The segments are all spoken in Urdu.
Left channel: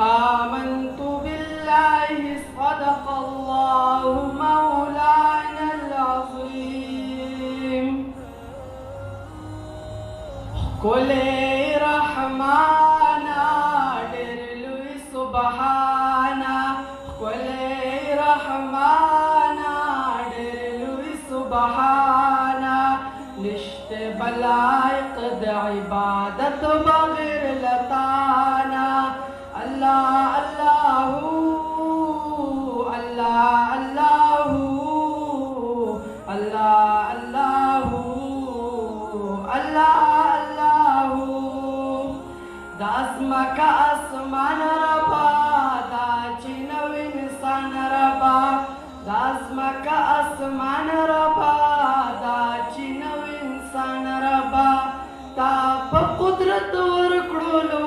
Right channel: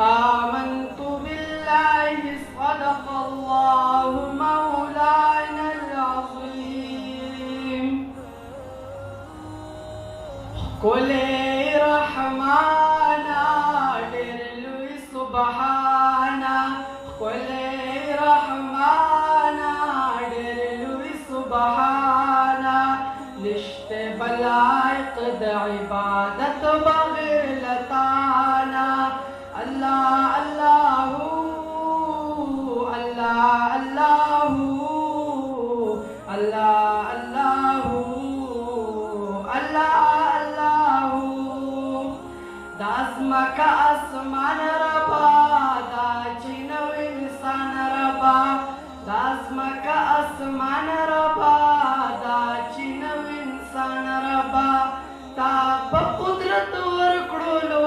آمنت بالله صدق الله مولانا العظيم قل رحمانا درلوي سبحانا قل رحمانا درلوي سبحانا نشت بلايق عبادة بغير لطانا Allah Allahu Allah Allahu Allah Allahu Allah Allahu das maka asman raba da chinaw insan raba das maka asman raba da chinaw insan raba ta qudrat war kudulu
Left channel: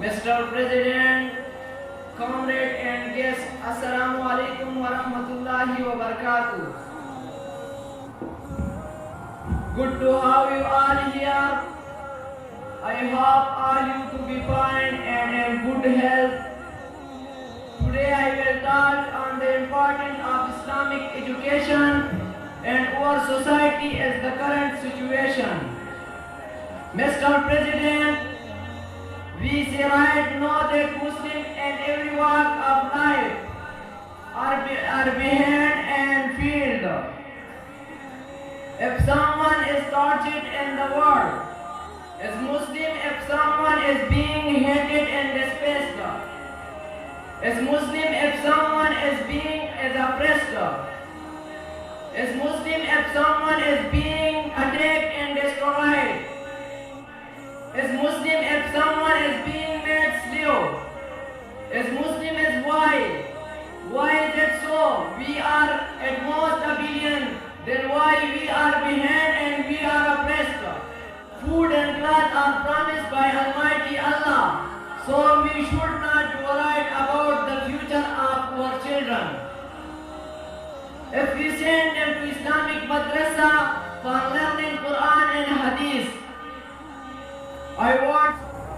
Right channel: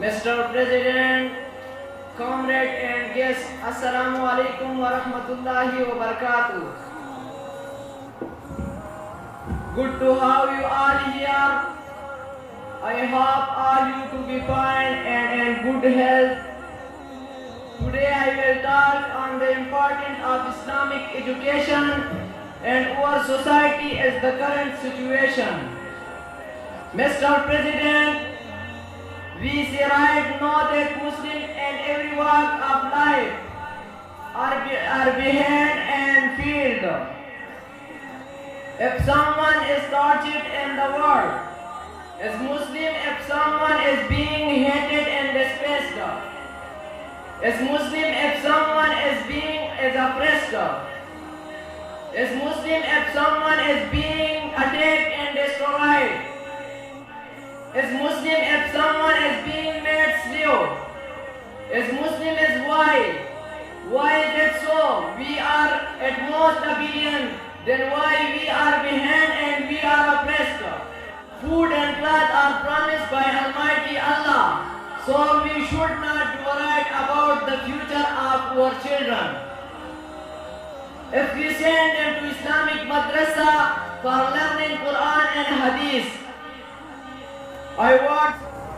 Mr. President, comrade and guests, Assalamu alaikum wa rahmatullahi wa barakatuh. Good to have you all here. I hope all you to be fine and in good health. Today I will talk on the importance of Islamic education and our society as the current situation. Mr. President, we say right now that Muslims in every walk of life are behind and field. If someone is tortured in the world, as Muslim, if someone is being hated and despised, Is Muslim if someone is oppressed? Is Muslim if someone is being attacked and destroyed? Is Muslim if someone is being made slave? Is Muslim is why? Why is it so? We are at most a billion. Then why we are behind and we are oppressed? Food and cloth are promised by Almighty Allah. So we should not worry about the future of our children. If we send them to Islamic madrasa for learning Quran and Hadith, I want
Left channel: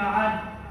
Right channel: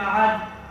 معد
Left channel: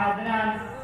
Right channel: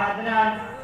عدنان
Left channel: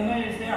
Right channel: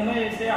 هميسع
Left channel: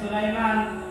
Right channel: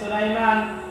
سليمان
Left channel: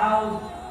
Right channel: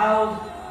عوز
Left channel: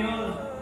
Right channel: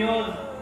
يوز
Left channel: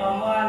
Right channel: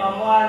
قموال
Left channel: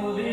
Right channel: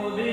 مبي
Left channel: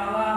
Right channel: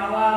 عوام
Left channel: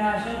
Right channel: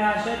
ناشد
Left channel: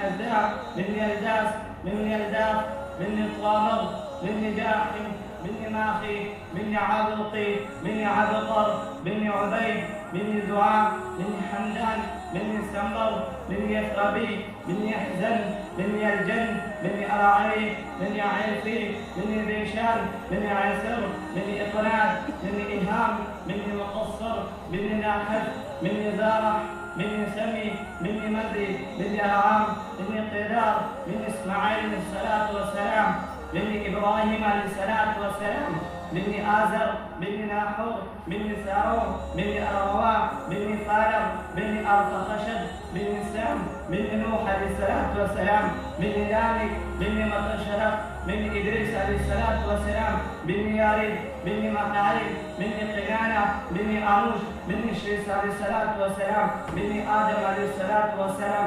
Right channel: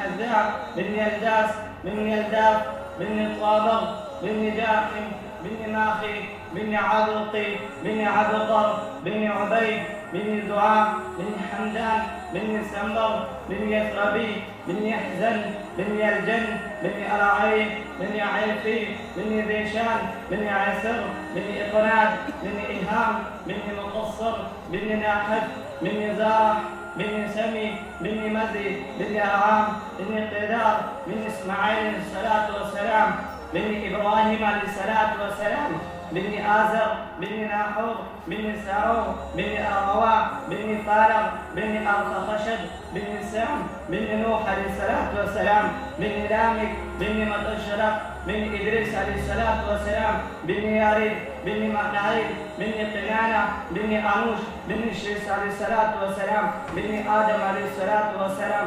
حذاء بن يلداس بن يلداف بن طابغ بن جاحم بن ماخي بن عبقي بن عبقر بن عبيد بن زعام بن حمدان بن سمر بن يثربي بن يحزن بن يرجن بن أراعي بن عيفي بن ذيشان بن عسر بن إقناد بن إلهام بن مقصر بن ناحد بن زارح بن سمي بن مدي بن أرعام بن قدار بن إسماعيل عليه الصلاة والسلام بن إبراهيم عليه الصلاة والسلام بن آزر بن ناحور بن سارو بن أروا بن فارغ بن أرفخشد بن سام بن نوح عليه الصلاة والسلام بن لامك بن متشرف بن إدريس عليه الصلاة والسلام بن ياريد بن مقنعيد بن قنانة بن أنوش بن شريس عليه الصلاة والسلام بن آدم عليه الصلاة والسلام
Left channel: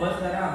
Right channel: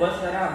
والسلام।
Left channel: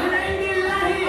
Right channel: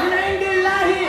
min indillahi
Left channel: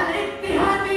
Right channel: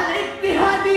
al-ittihadi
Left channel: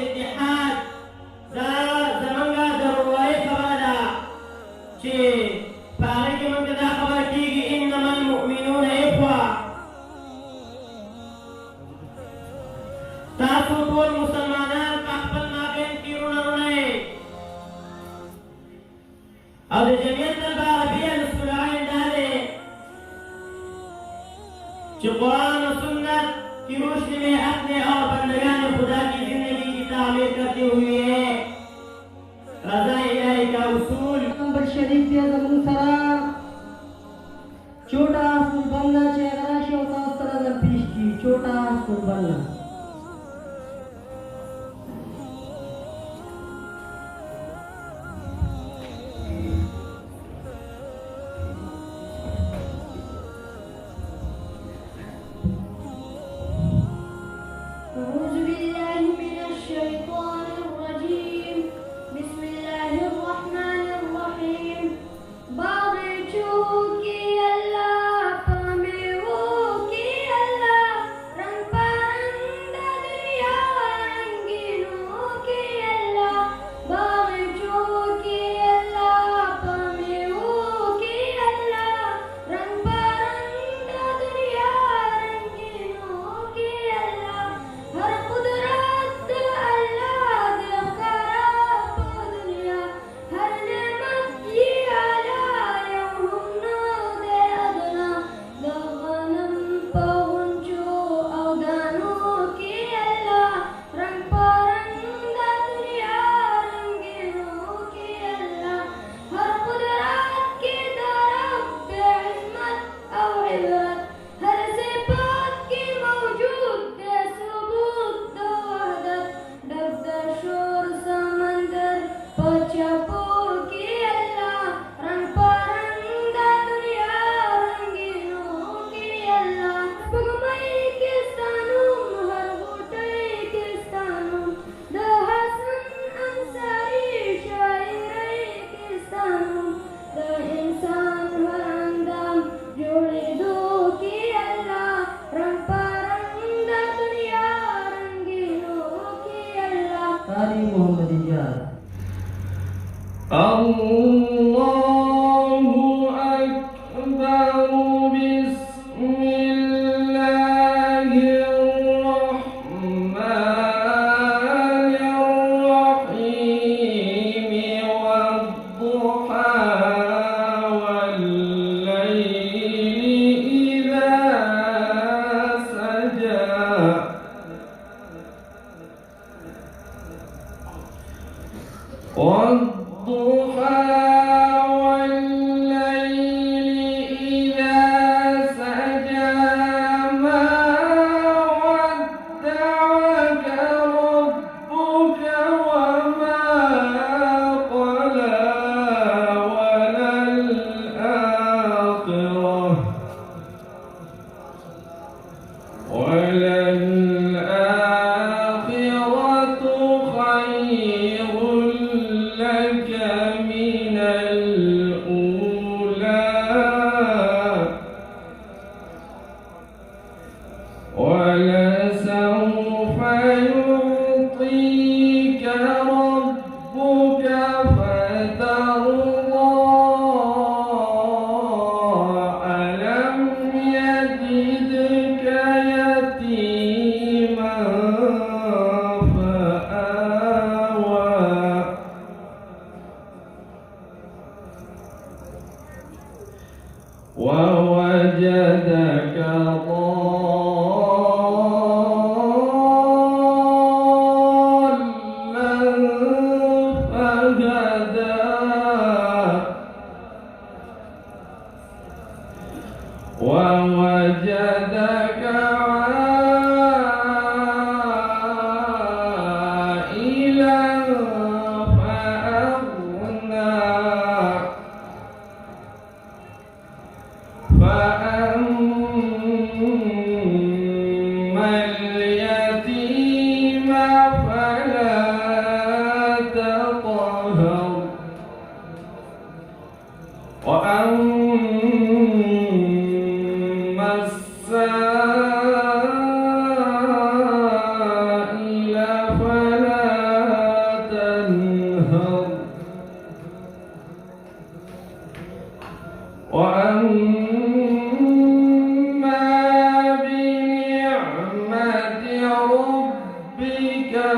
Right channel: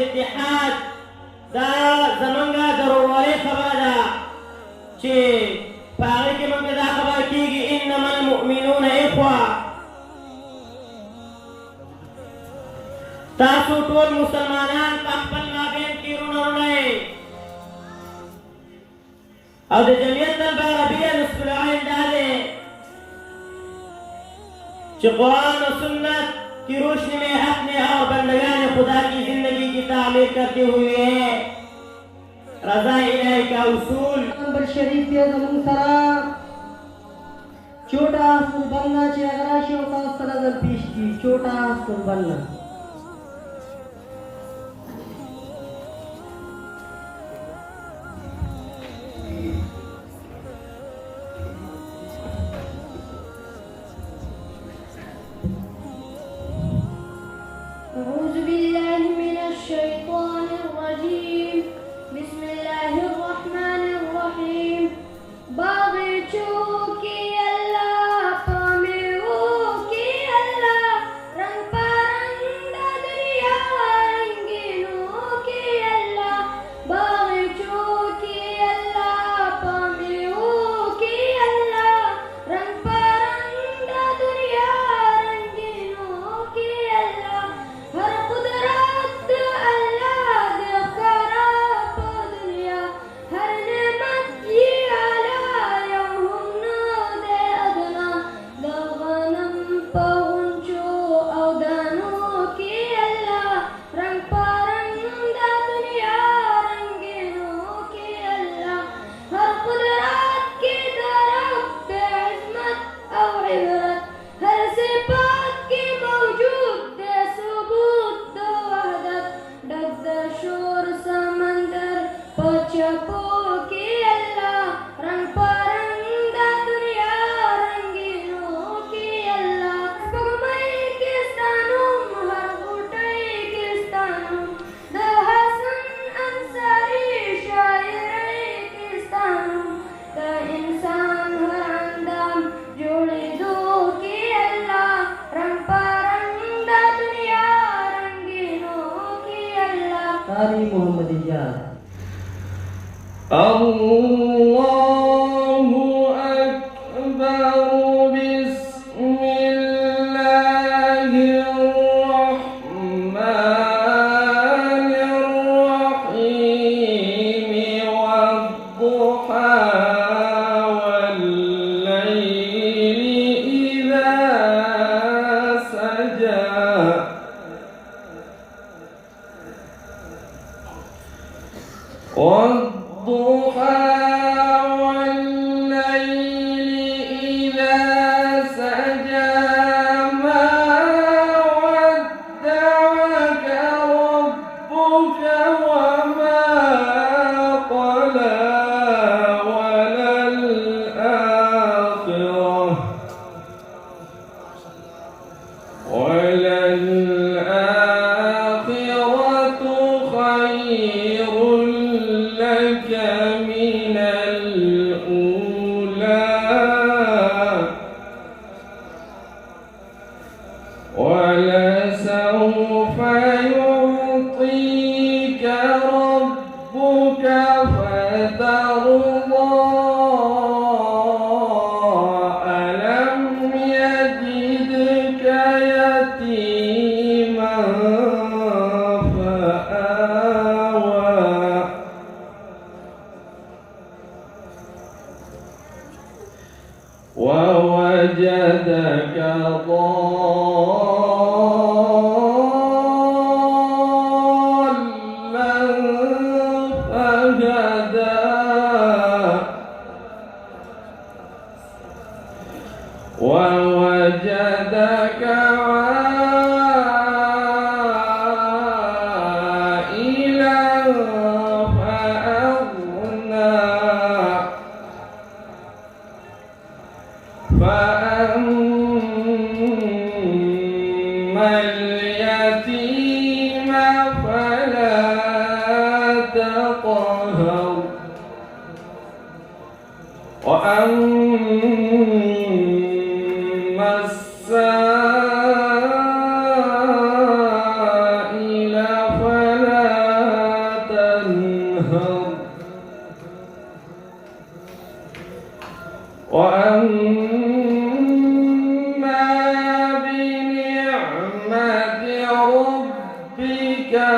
اتحاد دا زمنګا ضروري خبره چې پاره کې موږ دا خبر کیږي انما المؤمنون اخوه تاسو ټول مسلمانان په خپل مابین کې ورونه او د جمعیت العربیه نصف العین دا دی چې قرآن و سنت کی روشنی میں اپنے اور بندگان خدا کی زندگی کی تعمیر کرتے ہوئے رضا الہی کا اصول نمبر شریف دے زمون سرا چھوٹا قربانہ چے اگراشی و تاس طرح پیش کی چھوٹا قربانہ أعوذ بالله من الشيطان الرجيم بسم الله الرحمن الرحيم باغچو کی اللہ پامیو کی اللہ رنگ پرند دریا رنگینو کی اللہ باغچو کی اللہ پامیو کی اللہ رنگ پرند دریا رنگینو کی اللہ ہر قدرت اللہ دے خراب دنیا ہر نعمت یہ علایا ہم دے ادنا دغنم پہنچو او دانو کی اللہ رنگ پرند دنیا رنگینو کی اللہ ہر قدرت کی طرف بے عظمت او عبرت ہر صفات کی موجود دے ثبوت دو وحدت ڈب دے شور سمندر پچپو کی اللہ رنگ پرند دنیا رنگینو کی اللہ پگمائی کستانوں ہر بوٹائی کستانوں دا حسن انصاری شاعرائی کستانوں دا انسان ہر اندام جوڑی دو کی اللہ رنگ پرند دنیا رنگینو کی اللہ قاری محمد اجاز الله أكبر بسم الله الرحمن الرحيم والضحى والليل إذا سجى والضحى والليل إذا سجى ما ودعك ربك وما قلى وللآخرة خير لك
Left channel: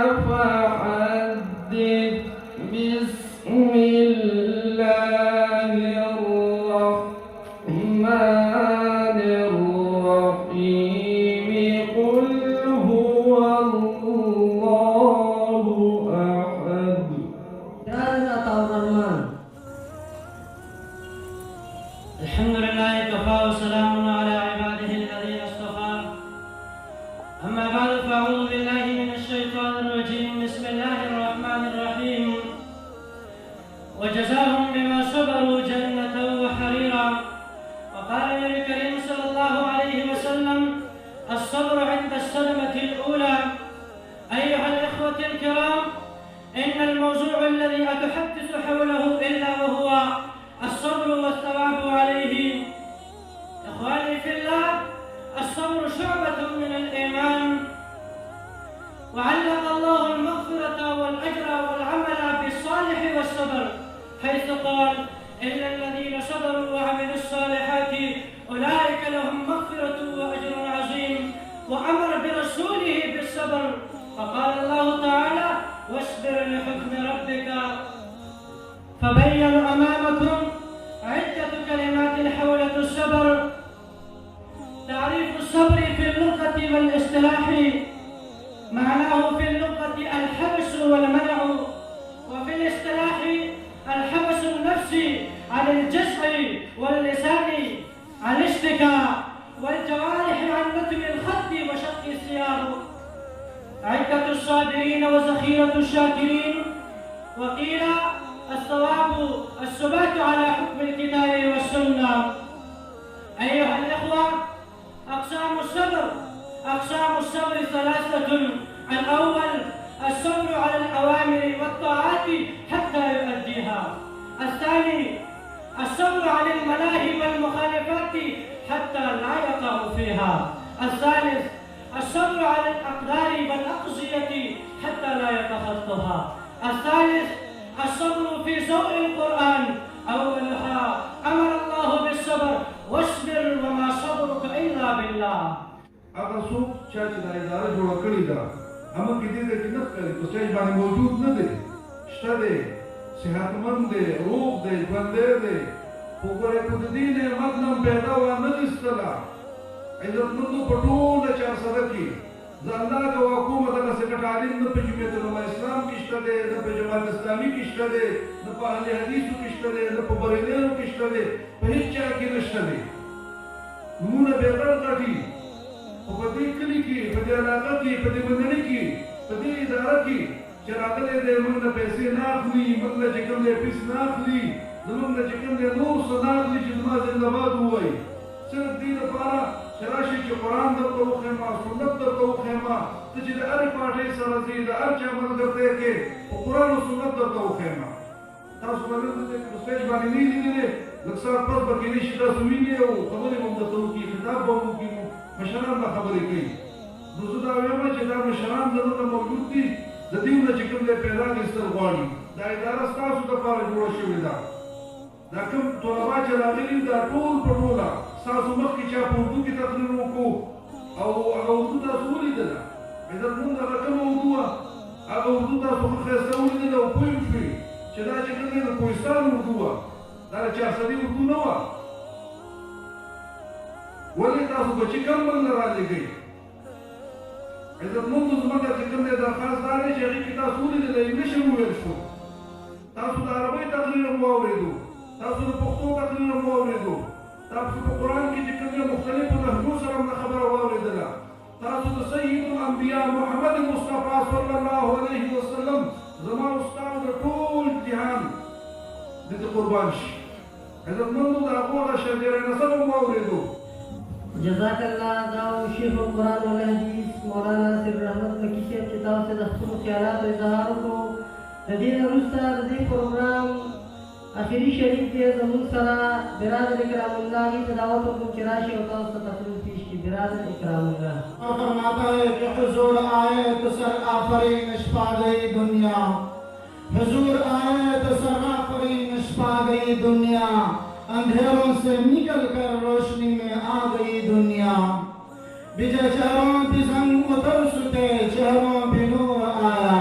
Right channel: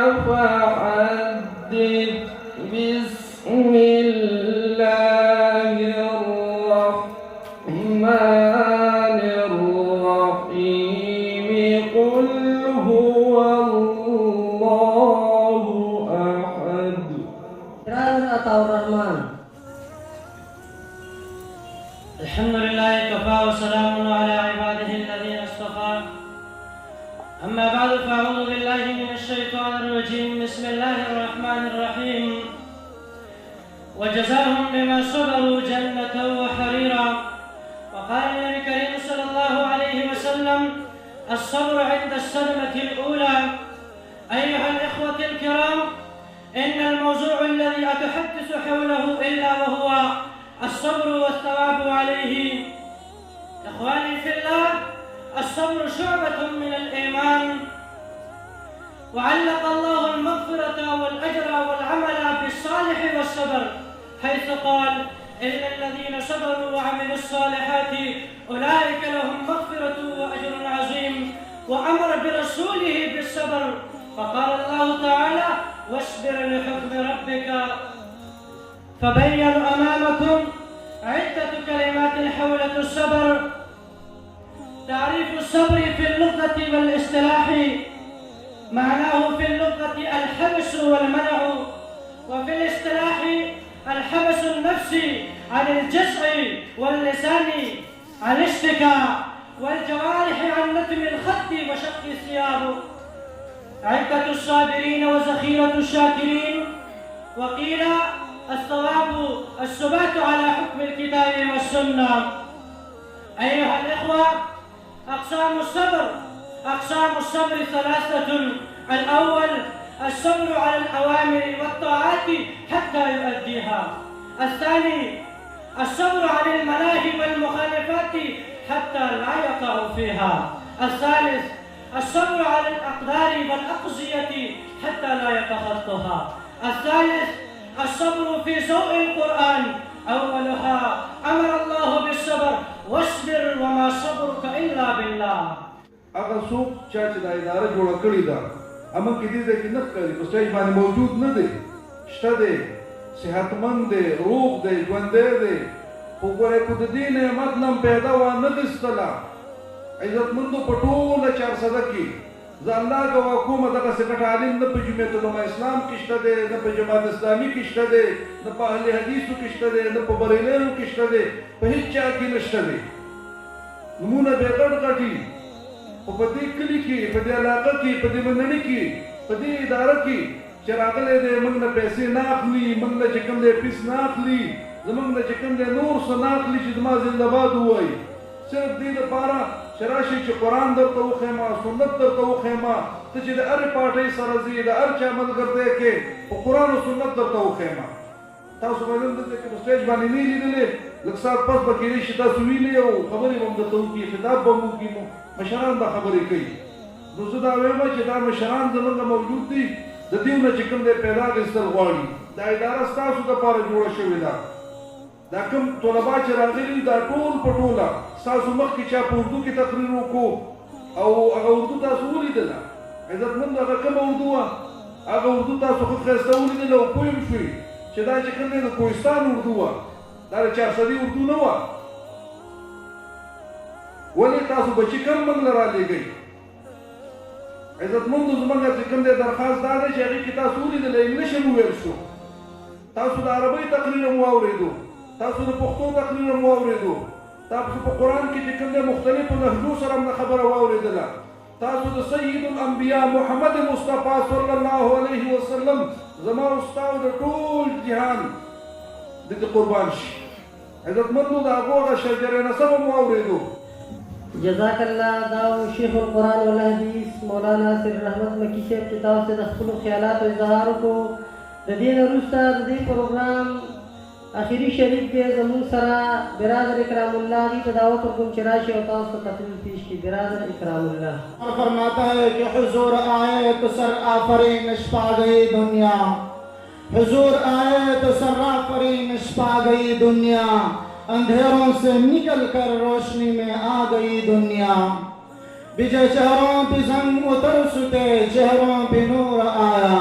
فحدث بسم الله الرحمن الرحيم قل هو الله أحد. Brother Ataur Rahman. الحمد لله كفى وسلام على عباده الذين اصطفى. أما بعد فأعوذ بالله من الشيطان الرجيم. بسم الله الرحمن الرحيم. وجزاهم بما صبروا جنة وحريرا. وقال النبي الكريم صلى الله عليه وسلم: الصبر عند الصدمة الأولى. أيها الإخوة الكرام، إن الموضوع الذي أتحدث حوله إلا وهو الصبر والثواب عليه. إخواني في الله، الصبر شعبة من الإيمان، وعلق الله المغفرة والأجر والعمل بالصالح والصبر، حيث قال: إن الذين صبروا وعملوا الصالحات أولئك لهم مغفرة وأجر عظيم، وأمر برسوله بالصبر، فقال الله تعالى: واصبر لحكم ربك. فبين أمامكم عدة كلمات حول الصبر. تعريف الصبر في اللغة والاصطلاح: معناه في اللغة الحبس والمنع، وفي الاصطلاح الحبس النفسي عن الجزع واللسان عن الاشتكاء، والجوارح عن نتم الخد وشق الثياب. عدة الصابرين وذخيرة الشاكرين. وقيل الثواب الثبات على حكم الكتاب والسنة. أيها الإخوة، أقسام الصبر ثلاثة. الأول الصبر على الأوامر والطاعات حتى يؤديها. الثاني الصبر عن الملاهي والمخالفات حتى لا يقع فيها. الثالث الصبر على الأقدار والأقضية حتى لا يتخطها. الثالث الصبر في ضوء القرآن. أولها أمر الله بالصبر: واصبر وما صبرك إلا بالله. اگر څوک چا چې دا اداره جوړه کړې ده اما کې دې کې نه کوي په سټیج باندې موجود نه دی، شته دی، صحتمند دی، روغ دی، ژوندی دی، خو ګورې که د دې نعمت نه پیدا ونه ویستله عزتمندو په ټوله چارسده کې زه الله ګواه کوم دغسې ګټ عالم نه په جمعیت علما اسلام کې شته دی، نه په جماعت اسلامي کې شته دی، نه په اهل حدیثو کې شته دی، نه په بریلیانو کې شته دی، په هېڅ چا کې نه شته دی. نومونه بې غټ غټي، خو په دې کلي کې، په دې علاقه کې، په دې بندني کې، په دې اداره کې چې راغلی دی موږ نه پیسې نه اخلي، موږ نه چې کوم دی فیس نه اخلي، زموږ نه چې کوم دی نور څه نه اخلي چې زما زنده‌باد ووایي، صرف دې لپاره چې راشي چې قرآن درته وښیمه، سنت درته وښیمه، ته چې د هرې پارټۍ سره ځې، د هر چا ملګرتیا کې په قرآن او سنت درته وښیمه. تاسو به نن دلته کې په سټیج باندې نه لیدلې، لږ ساعت پس به کېدای شي تاسو وینئ او خبرې به هم درته وکړي، خطاب به هم وکړي، مشران به خبرې کوي. نو زه دا وایم چې دا مشران زموږ موجود دي، د دې نه چې کوم دی پیدا اخیستل غواړي. دا اداره ستاسو دپاره جوړه شوې ده. دا کوم طلبا چې راغلي دا ټول په ټوله ستاسو مخکې چا په اردو کې تقریر وکړو او هغه اردو تاسو ولیدله. عزتمند هغه کومه اردو وه، هغه اردو تاسو ښه ښایسته ولیدله او پوه شوئ چې دا چې کوم دی د کوهستان اردو وه، دا د چارسدي اردو نه وه. ولې تاسو بچي کم موږ له رالېږئ؟ عزتمندو زموږ چې کوم دی درخواست دا دی چې هغې کې تاسو ولیدله انګلیش هم وویل شو، تاسو د عربۍ تقریر هم واورېدو، تاسو د پښتو تقریر هم واورېدو، تاسو په قرآن کې چې کوم دی مختلفو لهجو سره هم خبره واورېدله، تاسو د سید الانبیا محمد مصطفی صلی الله علیه وسلم زما او ستاسو د ټول جهان د قربان شي. عزتمندو د هغو هغه شجره نسب هم واورېدو. جزاک الله. دا شیخ القرآن والحدیث مولانا سر رحمت مکی صاحب چې تاسو ته د خپلو خیالاتو اظهار وکړو. د دې نه وروسته د دې پروګرام آخري شریک دی زموږ سره برادر اکرام الله هغوی په دعوت ورکوم چې راشي او تاسو ته تقریر پیش کړي. برادر اکرام الله فرماتا ہے کہ حضور آئے تو سر آفرینش پا گئی دنیا، حضور آئے تو سر آفرینش پا گئی دنیا، اندھیروں سے نکل کر روشنی میں آ گئی دنیا، بجے چہروں پہ زنگ اتر ستے چہروں پہ نور آیا،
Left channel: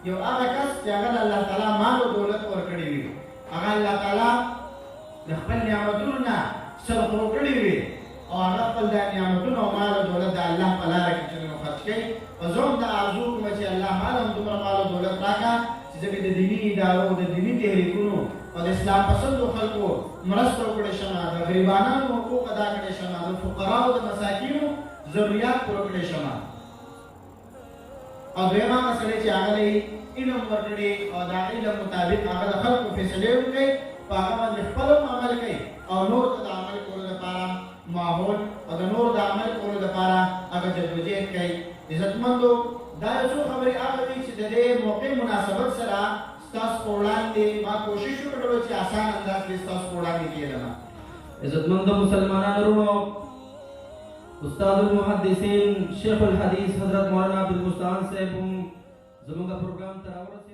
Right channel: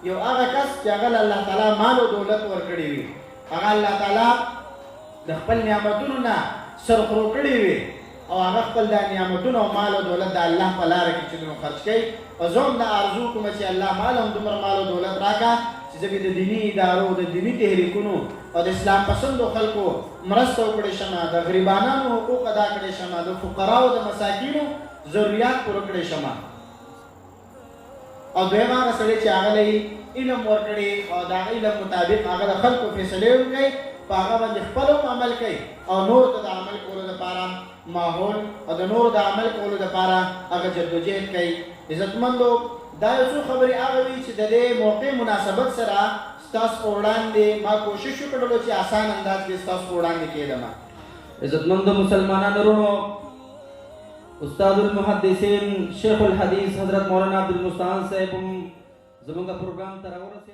یو هغه کس چې هغه الله تعالی مال او دولت ورکړي وي هغه الله تعالی د خپل نعمتونو نه سرخورو کړي وي او هغه خپل د نعمتونو او مال او دولت د الله په لاره کې چې خرج کوي او زه هم دا ارزو کوم چې الله مال هم دومره مال او دولت راکړه چې زه د دیني ادارو د دیني تحریکونو او د اسلام پسندو خلکو مرسته وکړی شم د غریبانو حقوق ادا کړی شم د فقراو د مساکینو ضرورت پوره کړی شم او دویمه هغه سړی چې هغه له علم ورکړي او د علم مطابق هغه د خلکو فیصلې وکړي په هغه باندې خپل عمل کوي او نور ته د عمل کولو لپاره ماحول او د نور د عمل کولو لپاره هغه جدوجہد کوي عزتمندو دا یو څو خبرې هغه وي چې د دې موقع مناسبت سره ستاسو وړاندې ما کوشش وکړو چې آسان انداز کې ستاسو وړاندې کېدم عزتمند مسلمانانو ورونو استاد المحدثین شیخ الحدیث حضرت مولانا عبدالمستعان صاحب زموږ پروګرام ته راورسېدل